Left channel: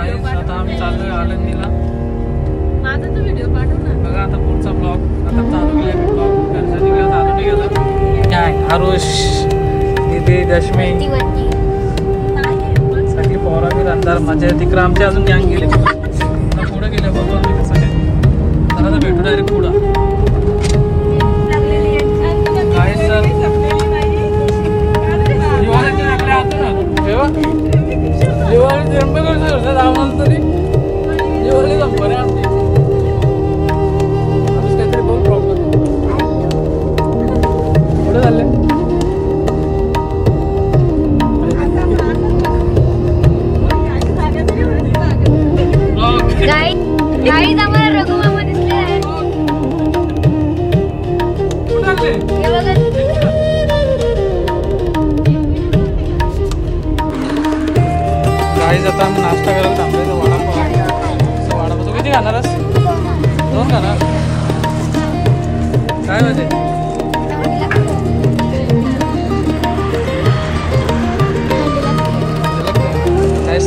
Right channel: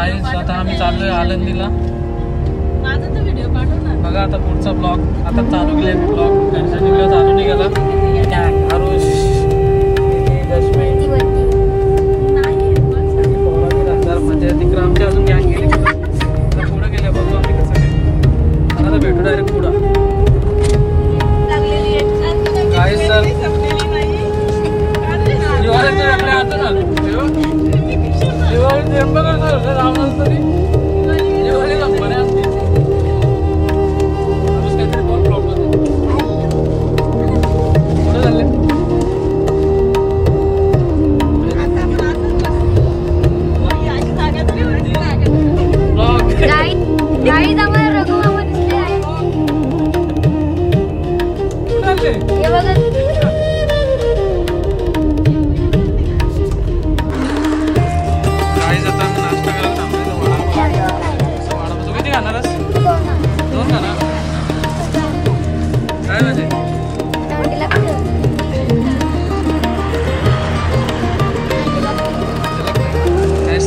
गाईस आता आम्ही चाललोय आळंदीला. माझा तर व्हिडिओ पाठव ना. बघा आता पुढचा ब्लॉग आता चालू केला. ब्लॉग घरच्या व्हिडिओ चालू नाही गेला. काय आरुष इथे दशमी सगळी पोरांनी जाणार मजा येते. तिकडे आमची अजून गँग गेली पुढे गेले बघा सगळे. आता भेटू डायरेक्ट पुढं. गाईस सर दिवाळीचे आपले आता ना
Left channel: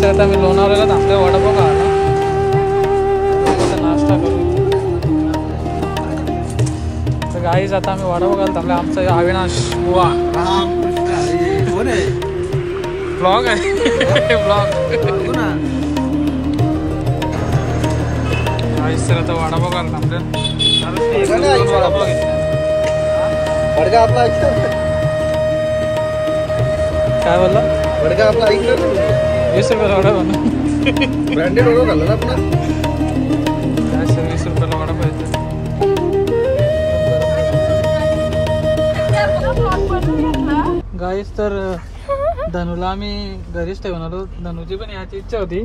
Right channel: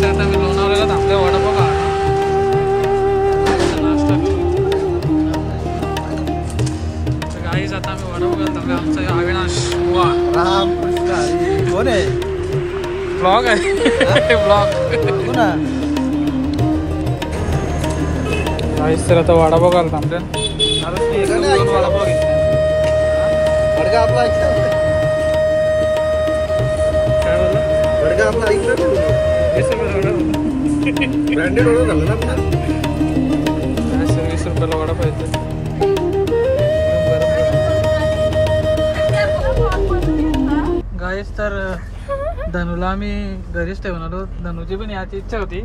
आता मी लोणावळ्याला थांबलोय वडापाव खायला. नाश्ता करू. तर गाईज आता आम्ही वडापाव खायला थांबलोय. आमचा अविनाश बुवा कोण आहे? ब्लॉग आहे ब्लॉग. गाईज तर आता वडापाव खायला थांबलोय. एक दोन वडापाव घेतले. काय बोलला? वडगा आपला ऐकलं ब्रँडेड वडा झाला ना आपला. 20 रुपयाला वडा पाहिजे. गाईस तर धनूला आम्ही घरीच ठेवून आलो. धनूची पण याची इच्छा होती.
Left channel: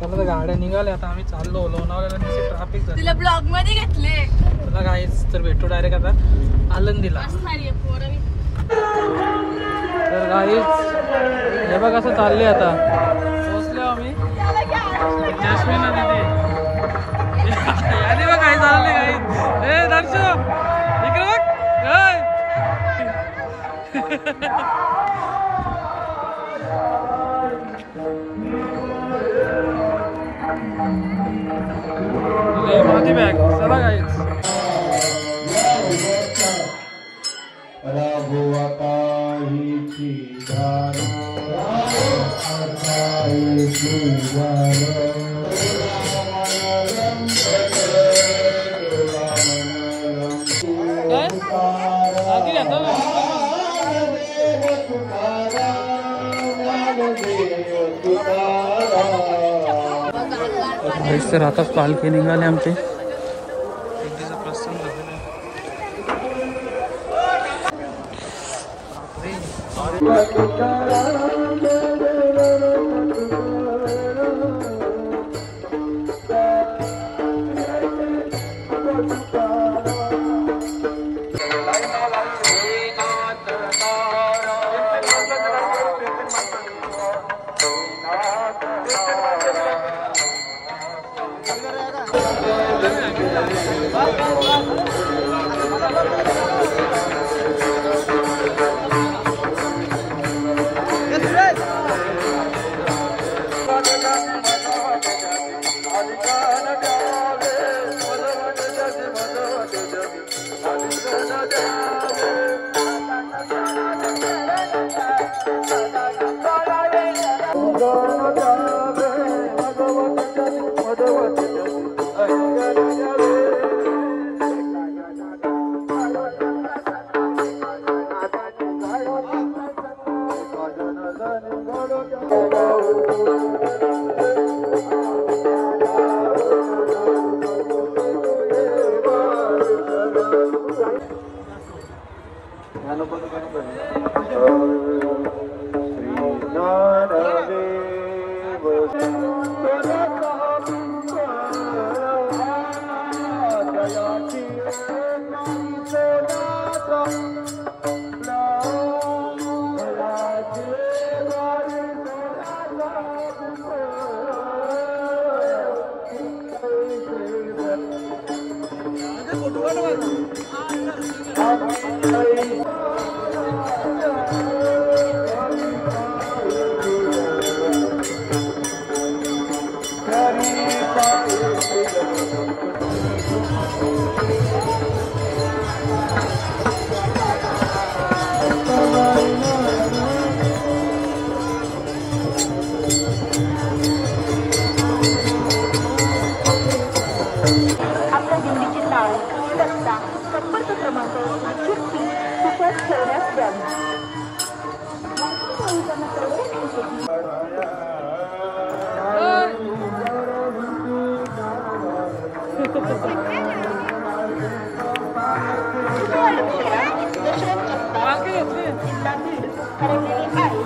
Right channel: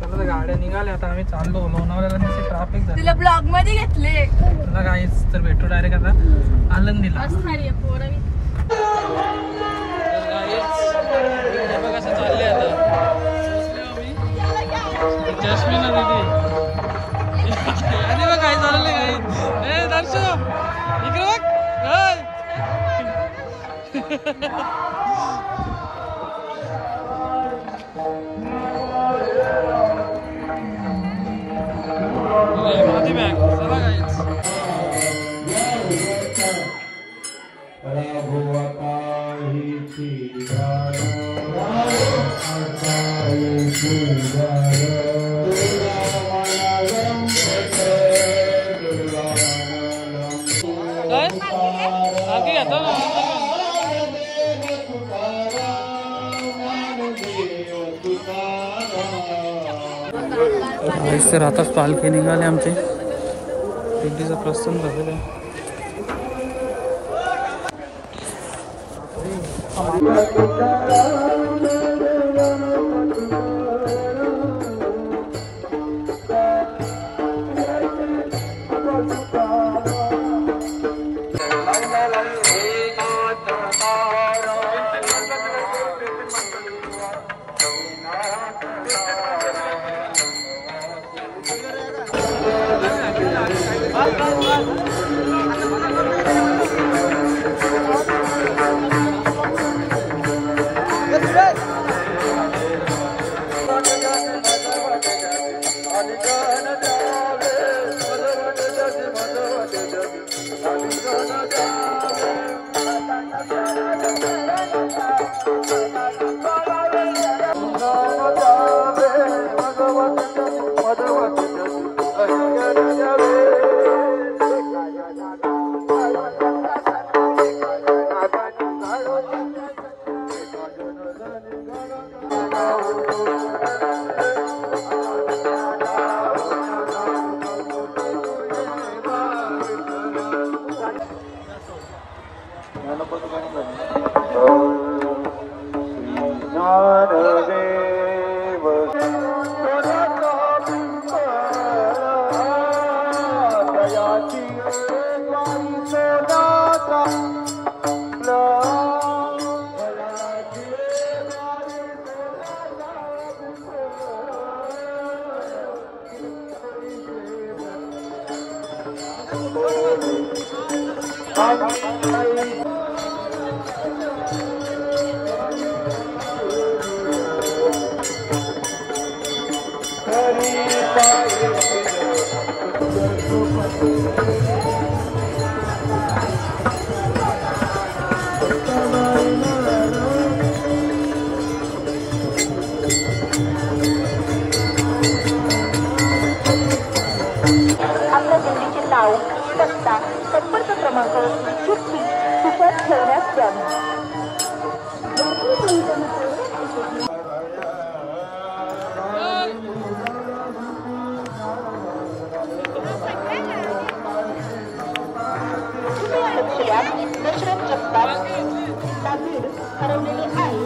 चला तर गाड्या निघाल्या. आता आम्ही चाललो लोणावळ्याला. नुसते ट्रॅफिक झालं. तुला ब्लॉग मध्ये घेतले. तुला गाईस तर भेटू डायरेक्ट आता आळंदीला. तर गाईस हे बघ कसं चालले. आता पोचलो आम्ही जस्मिनला दिली. आणि बघ काय चाललंय काही. ए दर्शो इकडे बघ. माझी बॅग. चला गाईच. आताच पालखी निघाले. आमचे दिंडीचं प्रस्थान झालेलं आहे. आपल्या दिंडीचे नाव पत्ता संपर्क क्रमांक व्यक्ती कुशात ठेवण्यास द्यावा. दशरथ जगताप लातूर रेल्वे आहे.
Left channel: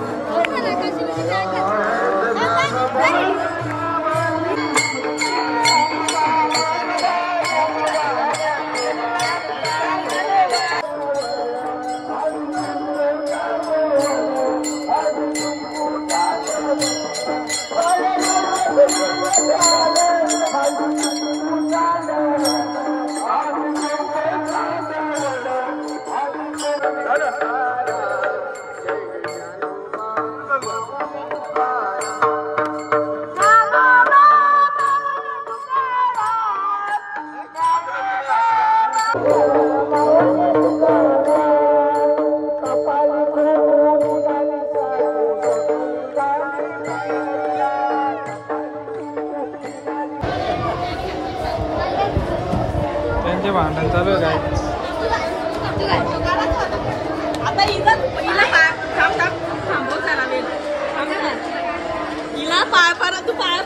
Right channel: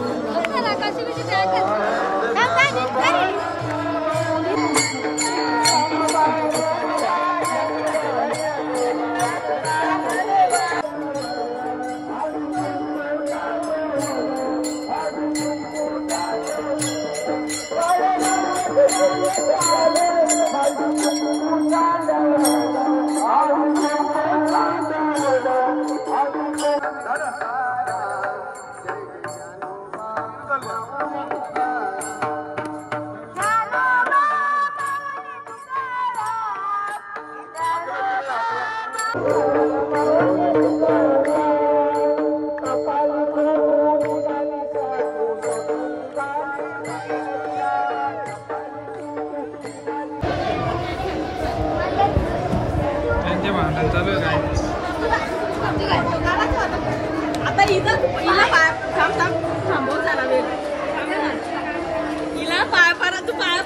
त्यांचे भांडण चालू आहे. आता थांबव झाला वेळ हिला पाय पडा तू पाय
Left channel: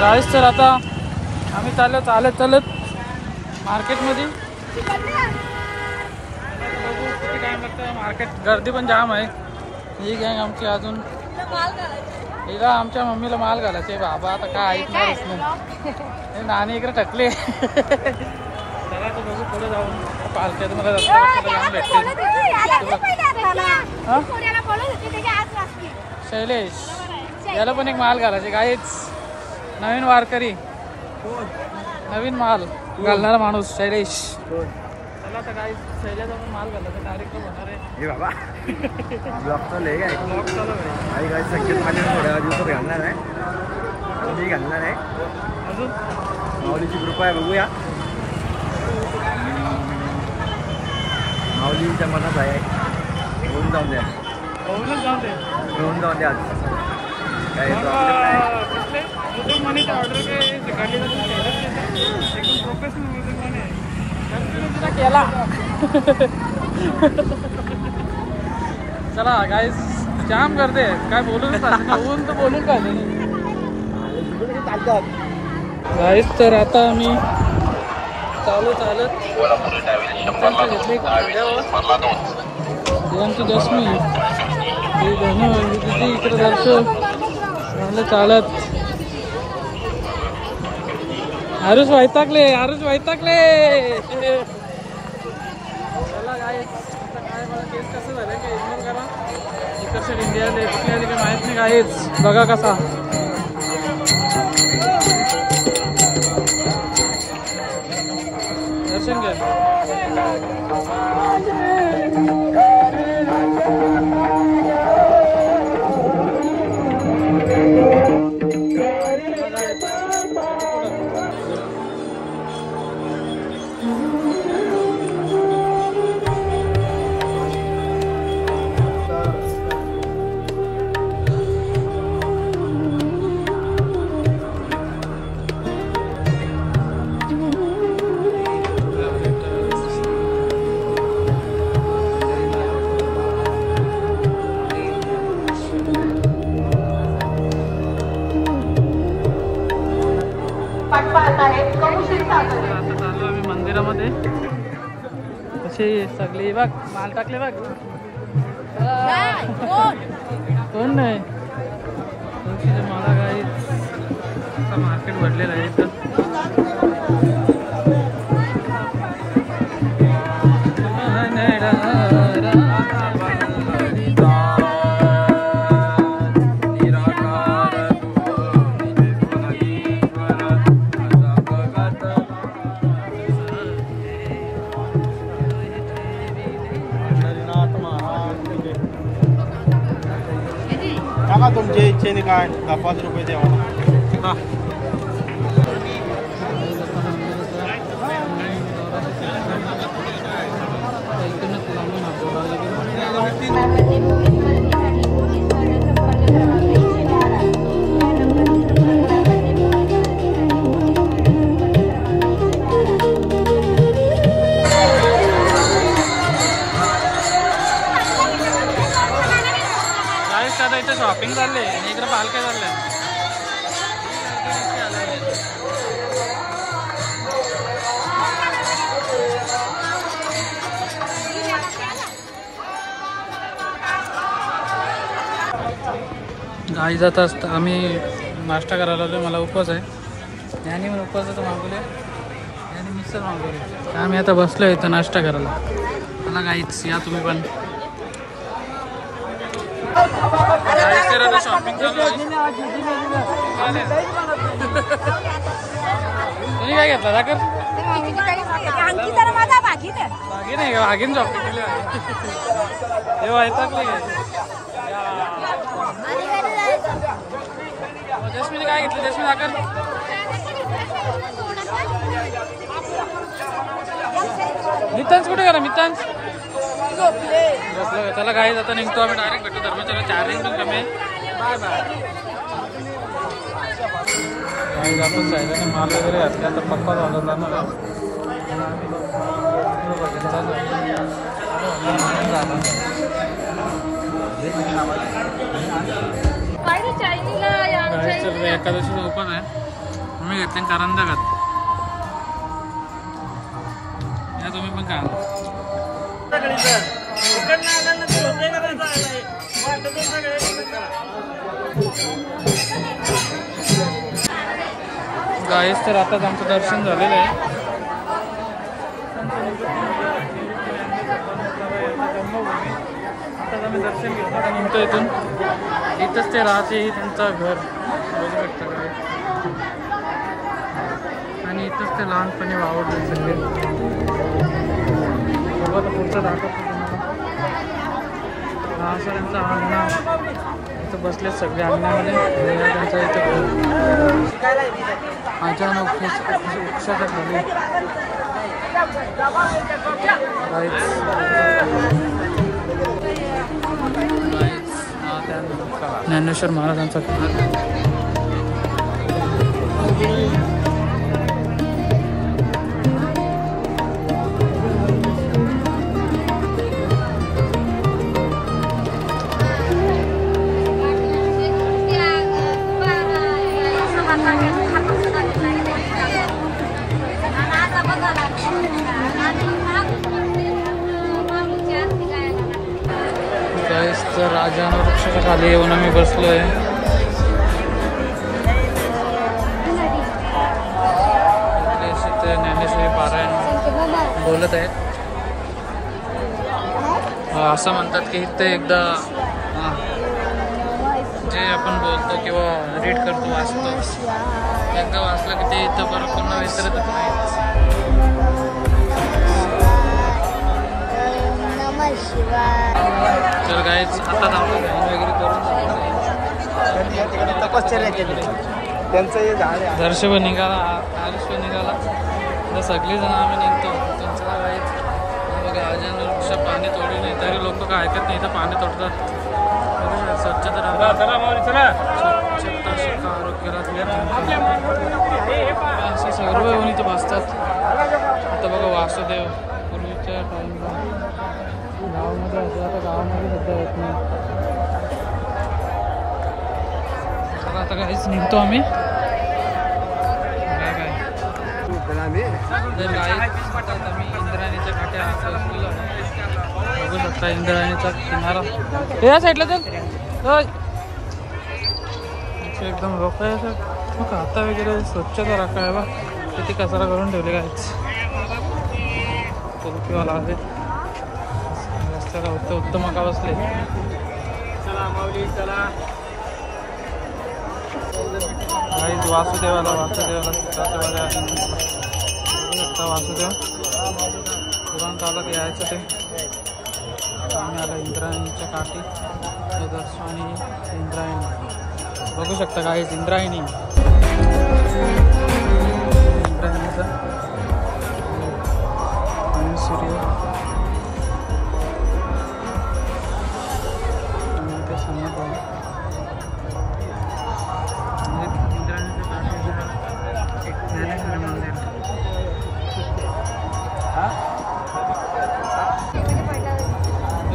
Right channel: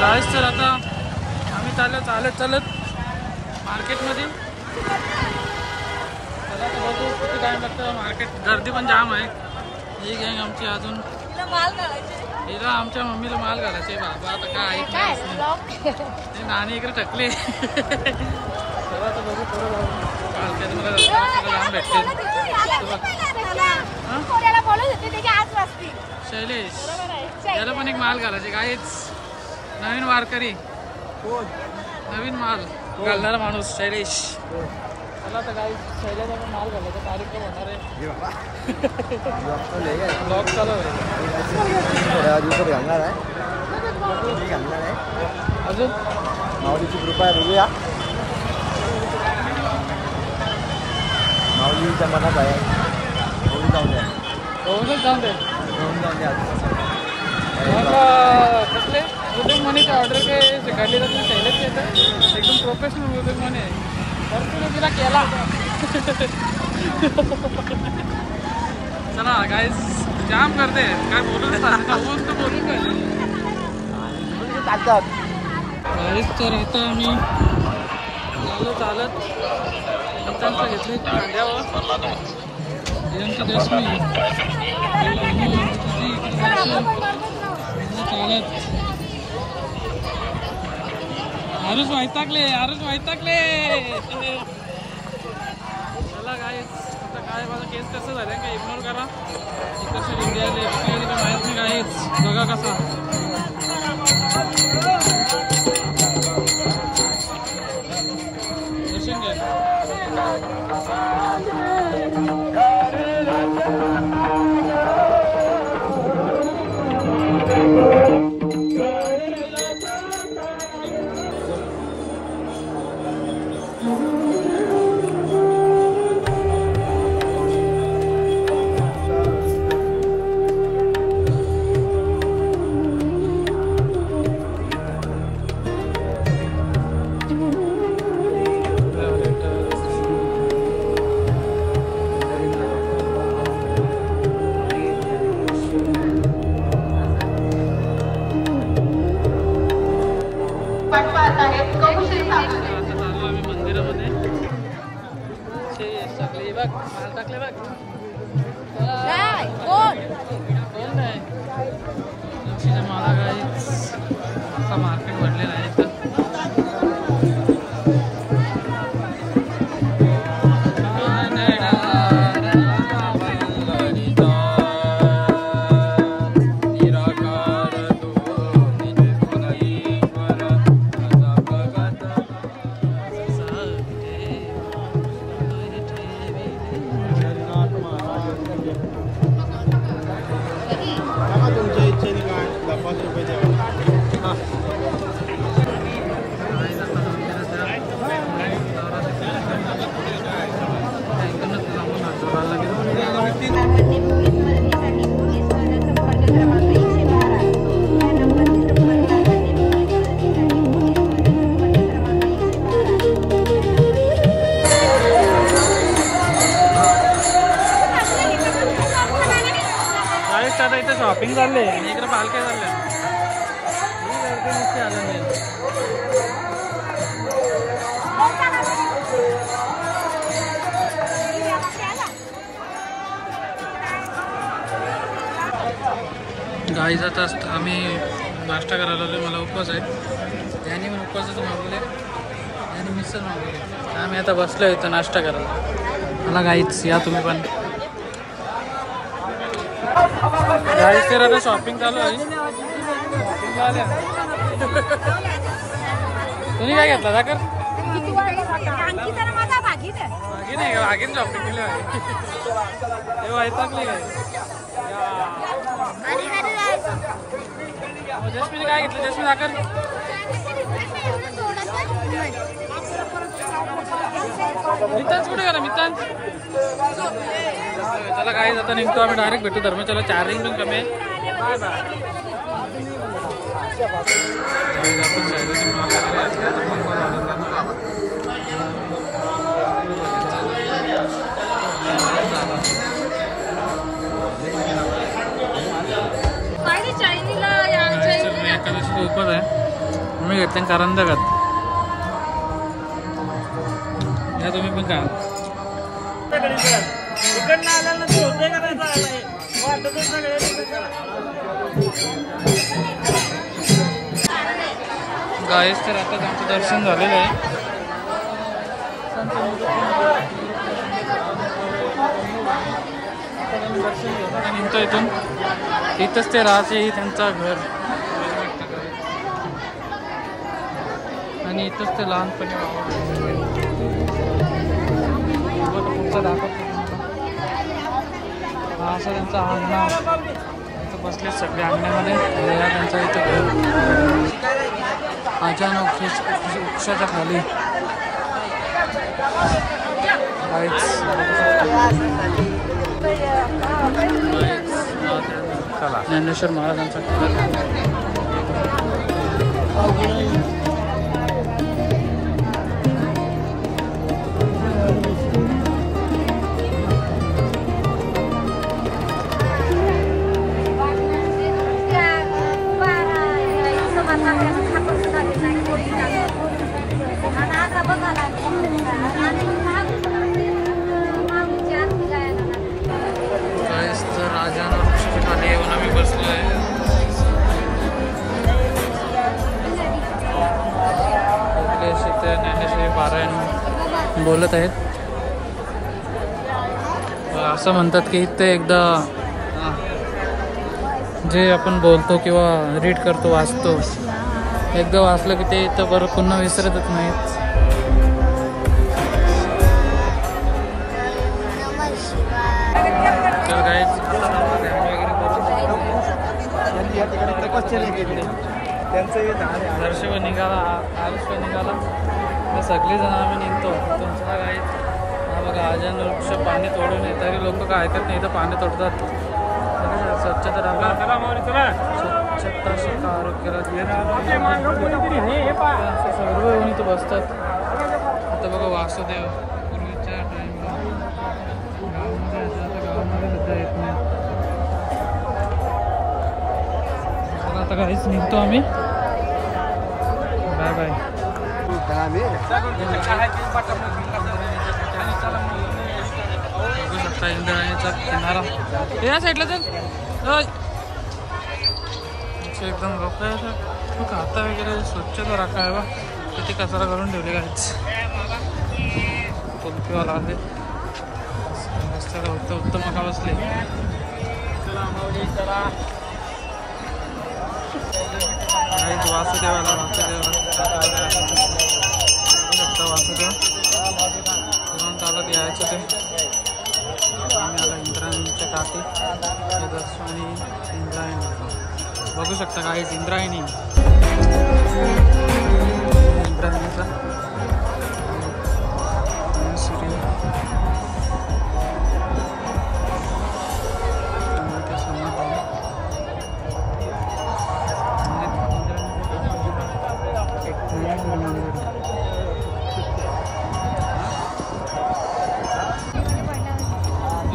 गाईस तर आता आम्ही चालत मार्केटमध्ये. चला आता बघू किती टाइम लागतं. मार्केट गर्दी पण जाम आहे. ही गँग आमची अजून हिला आमच्या मम्मीला माल घालायचे. बाबा आता काय ऐकणारच नाही. हे नाणी इकडे टकले. चला आता बघू पुढे जाऊन मार्केट मला रस्त्याला जाम भेटतील. शैलेश याला पण एक माल घालायचे. काहीच नवीन वारकरी नवीन माल घालणारा माणूस शैलेश. चला आता काही शैलेशचा पण माल घालायचा कार्यक्रम होणार आहे. ब्लॉग चालू आहे. ब्लॉग चालू आहे. काय संकेत मध्ये थोड्या दिवसात घालणार आहे. मी घालणार आहे. अजून माऊलीची कृपा आहे. बघूया. माऊलीच्या मनात आहे. होऊन जाऊन द्या. होऊनच जाऊन दे. होऊन जाऊन द्या. आज काय यूट्यूब मनीचा ऑर्डर काय काढली जाते. शैलेश एकदम प्रोफेशनल यूट्यूब मनी तर तुला केला. चला गाईस जाम करते. काय बोलूनच चालते ना. ऊन तर बोलून पाहिजे गाईस. तर आता आम्ही चालत घेतली खांद्यावर. ही आमची दशमी. ही धनु दिदी इकडे दर्शन चालत. आरुष वैतागले. चला गाईस आता काय मला केस कसं झालं काय इग्नोर करा. इकडच्या इंडियाला काय माहित नाही. गाईच बघा कसा दर्शन घ्या. सगळी बघ माल टाकले बघ कोण नाही लक्षीचे मला काही असा मार्केट भरलेला आहे इथं तुमच्या इच्छेने काय 5 रुपये द्यावा आता इथं शॉपिंग चालले आणि इकडे पालख्या चालल्या गाई जात असत आम्ही नाश्ता करायला आलो मला उपवास आहे याने मग उपवासाचं मागवले आणि मिसळ मागवले आम्ही आता बसलो इथं नाश्ता करायला मला गाईच या तुम्ही पण गाईस तर आता शॉपिंग चालू आहे तुम्ही काय घेतला दाखर भागी नाही का भागीन शॉपिंग केली आहे हे वैतागले काय जस्मीने काय घेतलं जस्मी दाखर मित्रांच कुठे करा मित्रांच चला काही आता निघतो आम्ही डायरेक्ट भेटू धर्मशाला चार्जिंग पण कमी आहे बाय बाय काही जातो सायदाने माल वगैरे आता पप्पा वाजत जाणार आहे एकादशीचा उपवास आहे मी घेतले कारंजाघात या तुम्ही पण का गायस तर आताच आमचं दर्शन झालेलं आहे आताच आम्ही दर्शन घेऊन आता निघतो इथून इथंच ते राहते त्यांचं घर आणि इथंच ते लहानपणी वावरले आता पुढचा दाखवतो हा असं त्यांचा अंगणा इथं बसले सगळे अंगण्यामध्ये आणि हा त्यांचा इथं घर अचानक वृक्षाच्या खाली हा त्या ज्ञानेश्वर महाराजांचा घर राजानं वृक्षाच्या खाली येऊन आम्ही बसलोय ज्ञानेश्वरी पारायण बोलत आहेत असं म्हणतात की ते एकदा जे आपण बोलतो किंवा रीड करतो वाचतो एकदा वाचलं की ते इथं बरं पुन्हा विसरतच नाहीत दर्श पण निघाला, आरुष पण निघाला, तर सगळेजण आम्ही निघतो. त्यांचं काय काही हा बघा अजून वृक्ष पाणी तोडू नये तरी लोक काय ऐकत नाही, तर पाणी तोडतात. स्वच्छता राखा, स्वच्छता शिका, आरोग्याला असं सर्व येऊन इथं बसतात. आता बघा वासुदेव पूर्वीच्या टाईमला गावामध्ये येते, आता गावामध्ये सध्या येत नाही. चला आता काहीच निघतो आम्ही. Bye bye. तर आम्ही इंद्रायणीच्या काठी बघू शकता, इंद्रायणीचा किनारा या साईडला. तर एकदम लोक खाता वगैरे स्वच्छता राखा आहे बा. किती कचरा करून ठेवले काहीच. कुल्फीवाला आहे रस्त्याला उत्तम का बसले. वासुदेवाला वासुदेव तुरंत आला ते यायचं. ते आम्ही आला इंद्रायणीच्या काठी. हे दर्शन आणि इंद्रायणी बघू शकता काहीच. इंद्रायणीचा आणि सूर्य आणि ते समाधी आहे. इंद्रायणीच्या काठीला एक ज्ञानेश्वरी मंदिर.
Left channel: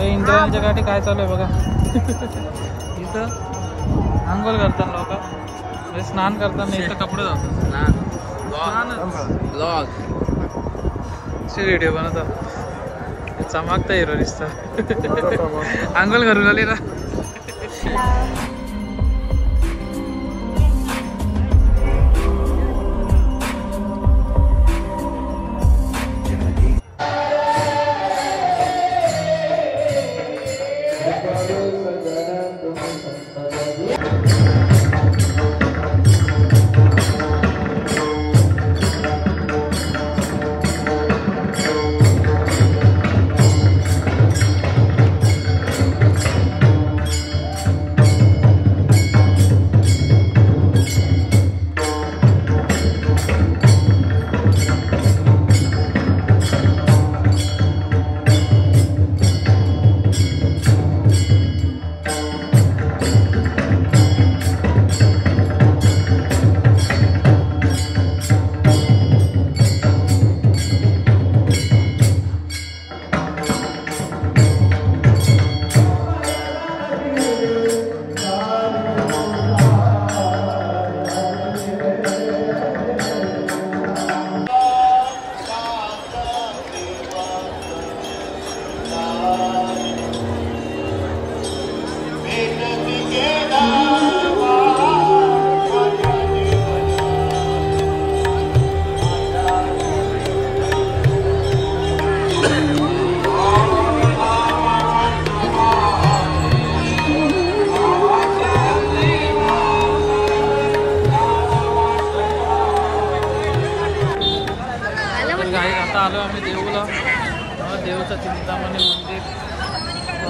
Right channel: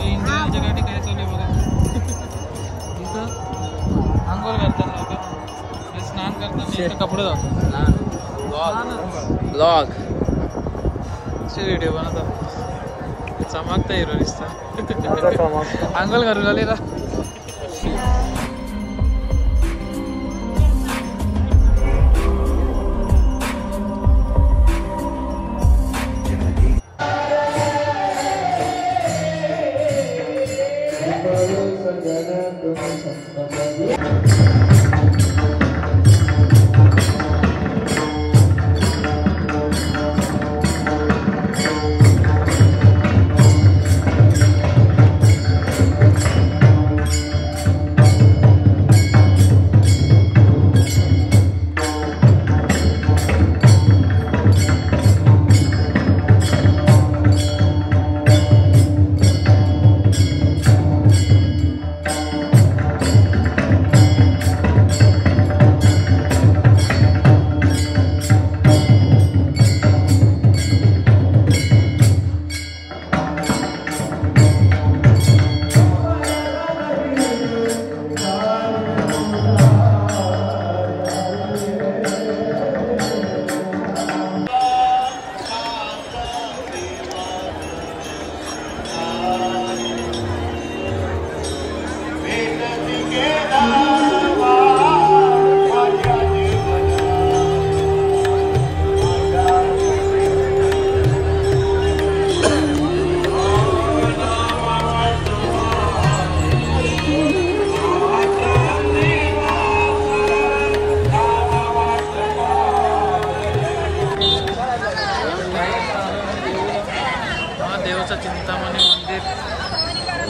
इंद्रायणीच्या काठी काय चालू आहे बघा. इथं आंघोळ करतात लोक, स्नान करताना इथं कपडे जातात. ब्लॉग व्हिडिओ बनवतात. चमकता हिरो दिसतं. आंघोळ करून आली ना.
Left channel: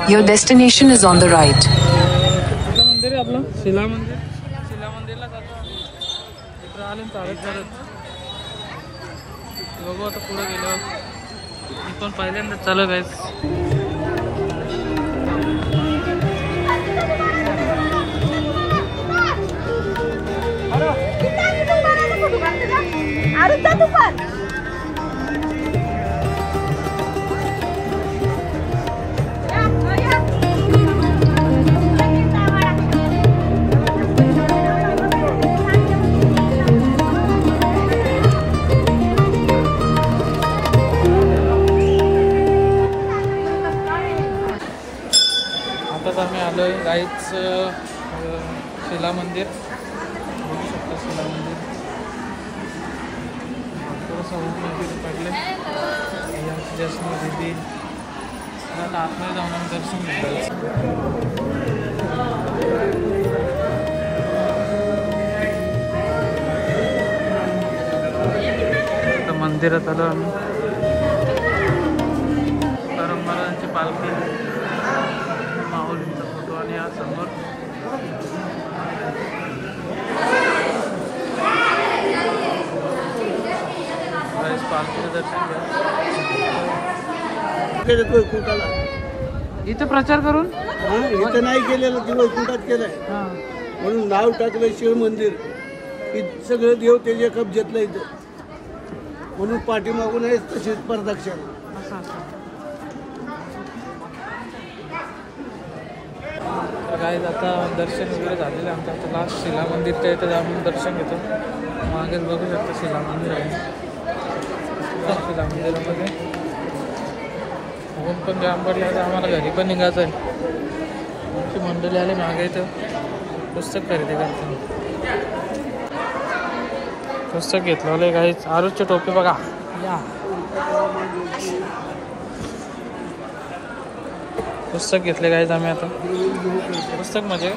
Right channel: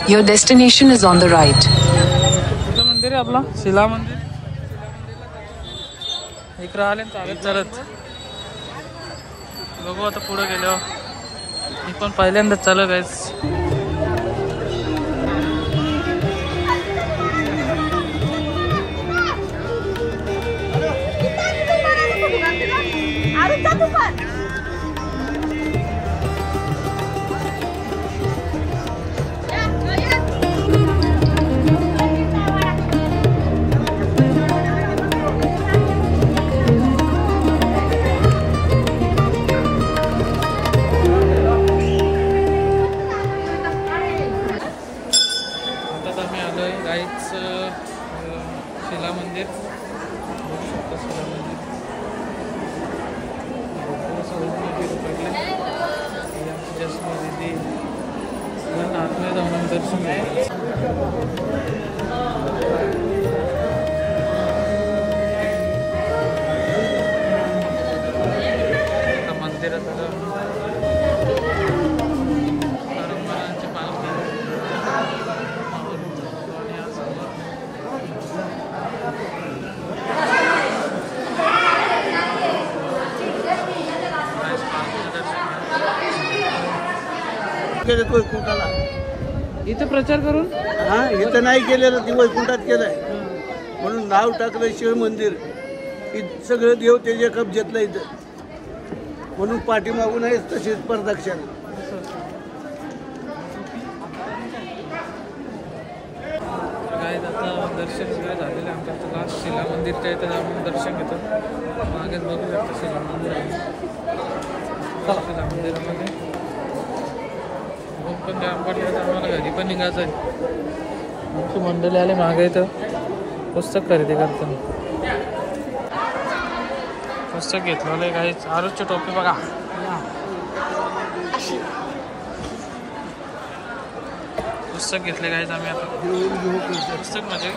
Your destination is on the right. कुठलं मंदिर आहे आपला? शिला मंदिर. शिला मंदिरला जातो. इकडे आले चालत चालत बघू आता पुढे गेलो. मी पण पहिल्यांदाच चालत आहे. आम्ही आलोय गाईच शिला मंदिर. भरपूर असं ऊन वगैरे पडले. आतमध्ये जाऊन आम्ही दर्शन घ्यायचं. आता मंदिरात आलो आम्ही. परंपरांची पालखी, माऊलींचा फोटो आणि हा समोर केलं वैकुंठाला. इथं प्रचार करून हा इथं नाही केलेलं, ती वैकुंठात केलंय. हा. म्हणून नाव टाकलं शिव मंदिर. की सगळं देव त्याच्या कब्जातलं इथं, म्हणून पाठीमागून आहे तशीच प्रदक्षिणा. असं असं. तर काय आता दर्शन वगैरे झालेलं आहे आमचं. आता लास्ट शिला मंदिरच्या इथं जाऊन दर्शन घेतो. मागेच बघू शकतो शिला मंदिर आहे. शिला मंदिरामध्ये ऊन पण जाम पडलं, आता आम्हाला घरी पण निघायचं आहे. आमची मंडळी आलं मागे इथं पुस्तक खरेदी करतो. पुस्तक घेतलं काही आरुषची टोपी बघा या. पुस्तक घेतले काहीच आम्ही आता. पुस्तक म्हणजे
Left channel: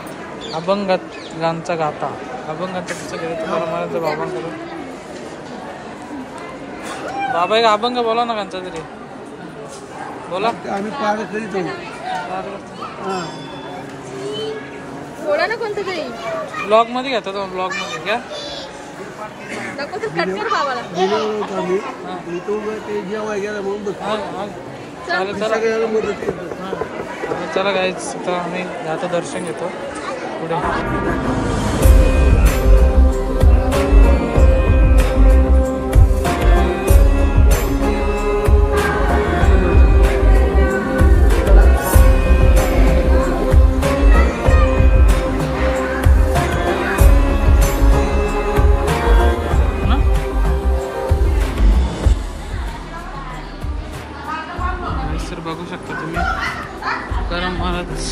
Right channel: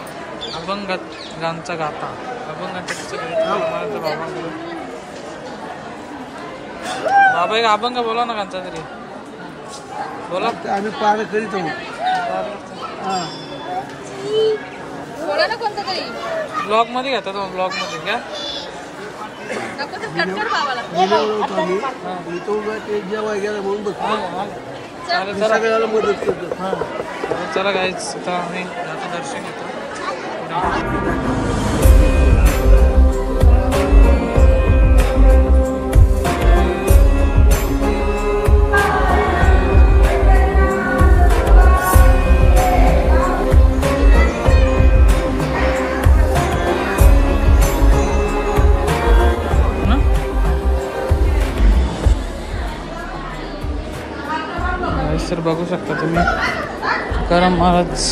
अभंगाचा गाथा, अभंगाचं पुस्तक घेतलं महाराज बाबांकडून. बाबा एक अभंग बोला ना कांचा तरी बोला. आम्ही पार करीत आहोत. थोडा ना कोणतं तरी ब्लॉग मध्ये घेतो तो, ब्लॉग मध्ये घ्या. नको तर कट कर बाबाला. गेल्यावर होतो आम्ही. तो ते जेव्हा गेला म्हणून बघ चालेल चला. सगळ्याला मदत करतो. हां चालेल चला काहीच. आता आम्ही जातो दर्शन घेतो पुढे. तर बघू शकता तुम्ही तुकाराम महाराज.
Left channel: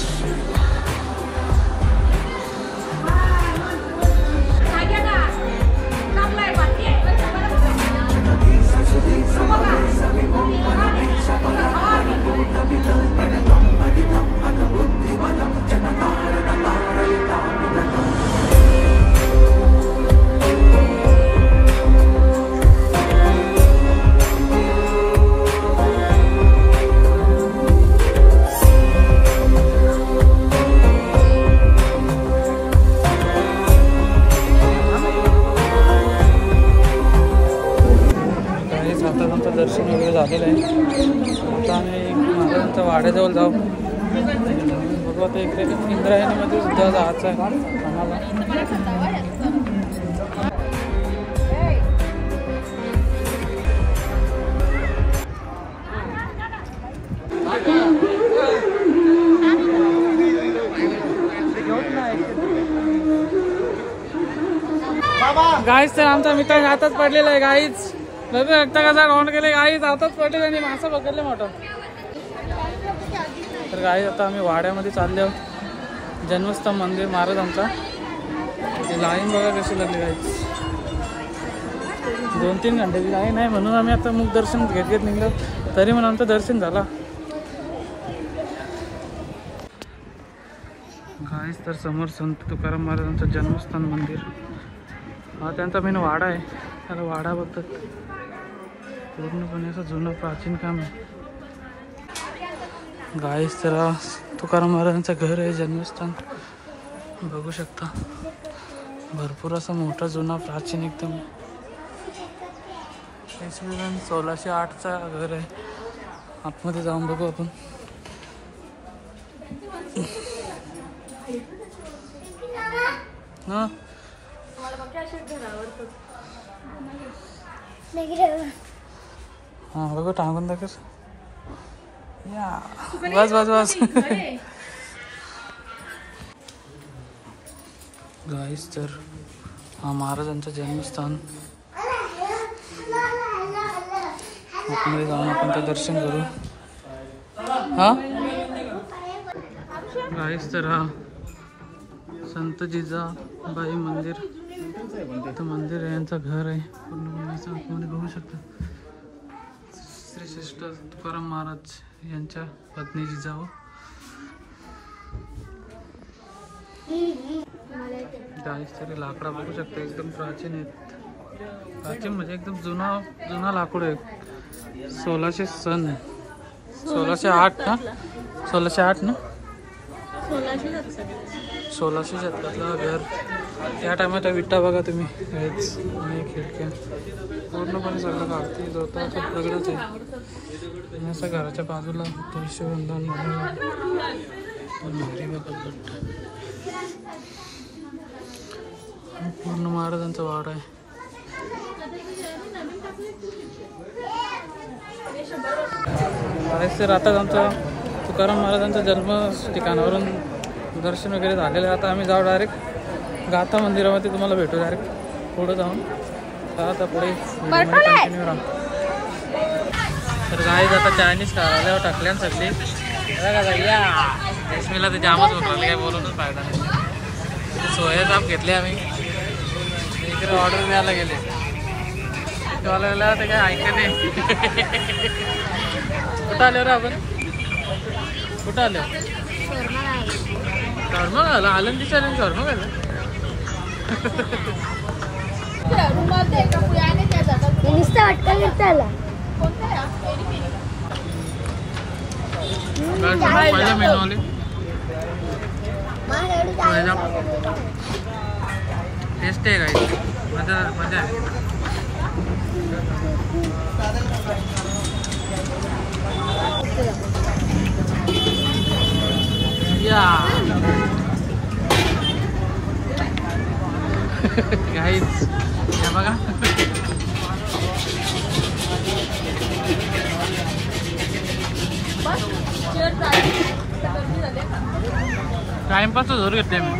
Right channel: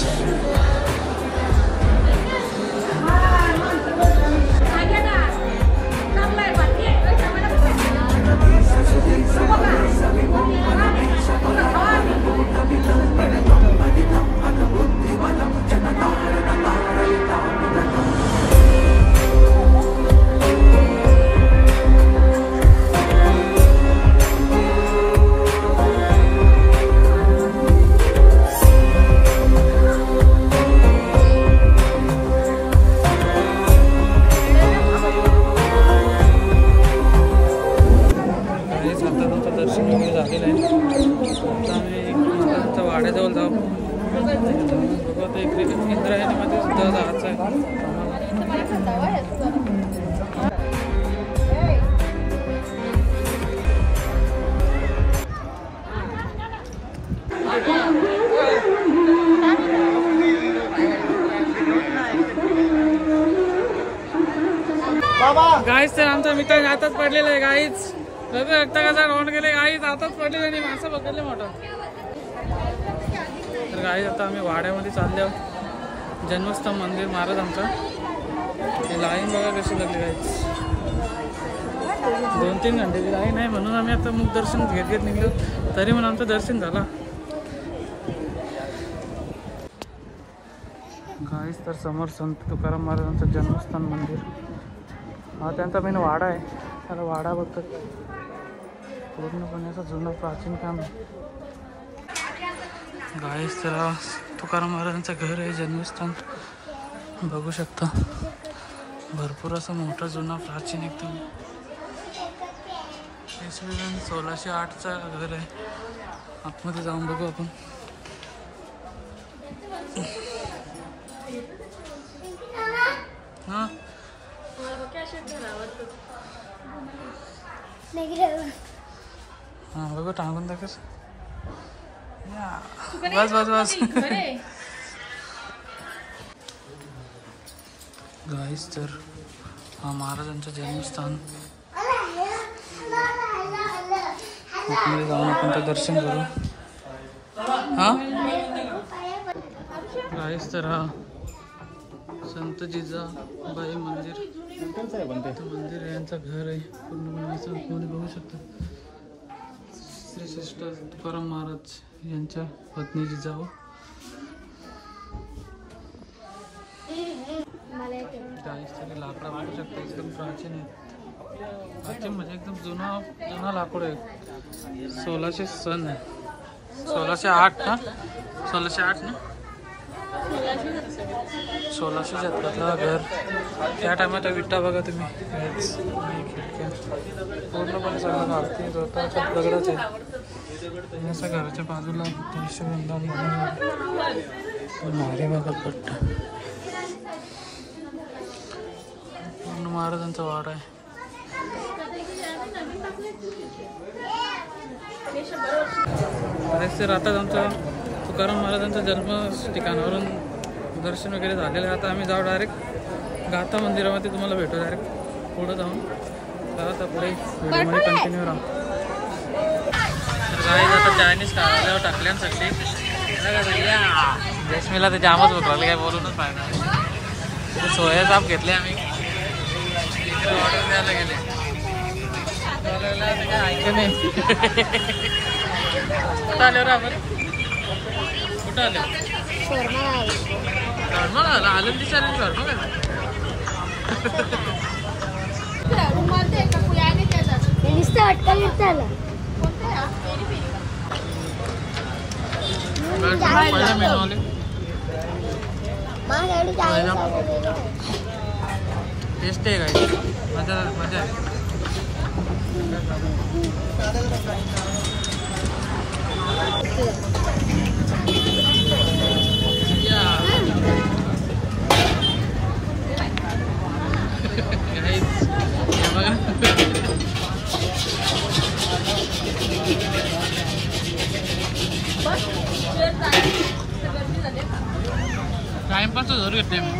दर्शन वगैरे झालेलं आहे. आता आम्ही महाराजांच्या वाड्याजवळ जाऊ. बघू आता इकडे इंद्रायणीमध्ये सुद्धा जायचं आहे आम्हाला. गाईच तर आमचा मित्र हातात पडलेला आहे. गाईच आता कसा राऊंड केले, गाईच हातात पडले आणि मासा पकडले मोठा. तर गाईच आता आम्ही वाड्यामध्ये चालले आहोत. जन्मस्थान मंदिर महाराजांचा. लाईन बघा कशी लागली गाईच. 2-3 घंट्याची लाईन आहे म्हणून आम्ही आता मुख दर्शन घेत निघलो. तरी म्हणून आमचं दर्शन झाला. गाईच तर समोर संत तुकाराम महाराजांचं जन्मस्थान मंदिर. हा त्यांचा मेन वाडा आहे. त्याला वाडा बोलतात. पूर्णपणे असं जुनं प्राचीन काम आहे. गाईस तर तुकाराम महाराजांचं घर आहे, जन्मस्थान बघू शकता. भरपूर असं मोठा जुना प्राचीन एकदम. इसवी सन 1608चा घर आहे. आतमध्ये जाऊन बघू आपण. हा हा बघू टांगून दाखव. या बस बस बस. गाईस तर हा महाराजांचं जन्मस्थान. आतमध्ये जाऊन आपण तर दर्शन करू. हा गाईस तर हा संत जिजाबाई मंदिर. इथं मंदिर आहे, यांचं घर आहे. पूर्णपणे असं आतमध्ये बघू शकता. श्री श्रेष्ठ तुकाराम महाराज यांच्या पत्नी जिजाऊ. गाईस तरी लाकडा बघू शकता, एकदम प्राचीन आहेत. प्राचीन म्हणजे एकदम जुना लाकूड आहे. 1600 सन 1608 ना 1608 ना 1600 शतकातला घर. त्या टायमात विटा बघा तुम्ही. आणि खिडक्या पूर्णपणे सगळं काढते होता. दगडाच आहे. असं घराच्या बाजूला तुळशीवृंदावन महादेवाचा पट्टा पूर्ण महाराजांचा वाडा आहे. तर आता आमचा तुकाराम महाराजांच्या जन्म ठिकाणावरून दर्शन वगैरे झालेलं आहे. आता आम्ही जाऊ डायरेक्ट गाथा मंदिरामध्ये, तुम्हाला भेटू डायरेक्ट पुढं जाऊन. तर आता पुढे व्हिडिओमध्ये कंटिन्यू राहा. तर काही आता चायनीज खायला टाकल्यान सगळे या रेशमीला ते जामच बघायला काय बोलूनच फायदा नाही. सोया चाप घेतले आम्ही, तिकडे ऑर्डर द्यायला गेले, ते काय ऐकले नाही. कुठं आले रे आपण, कुठं आले? शॉर्मा घाला, आनंदी चालेल शॉर्मा घाला. पहिला मेनू आले, टेस्ट आहे काय, मजा मजा आहे. बघा टाइमपास जरूर घेते मी.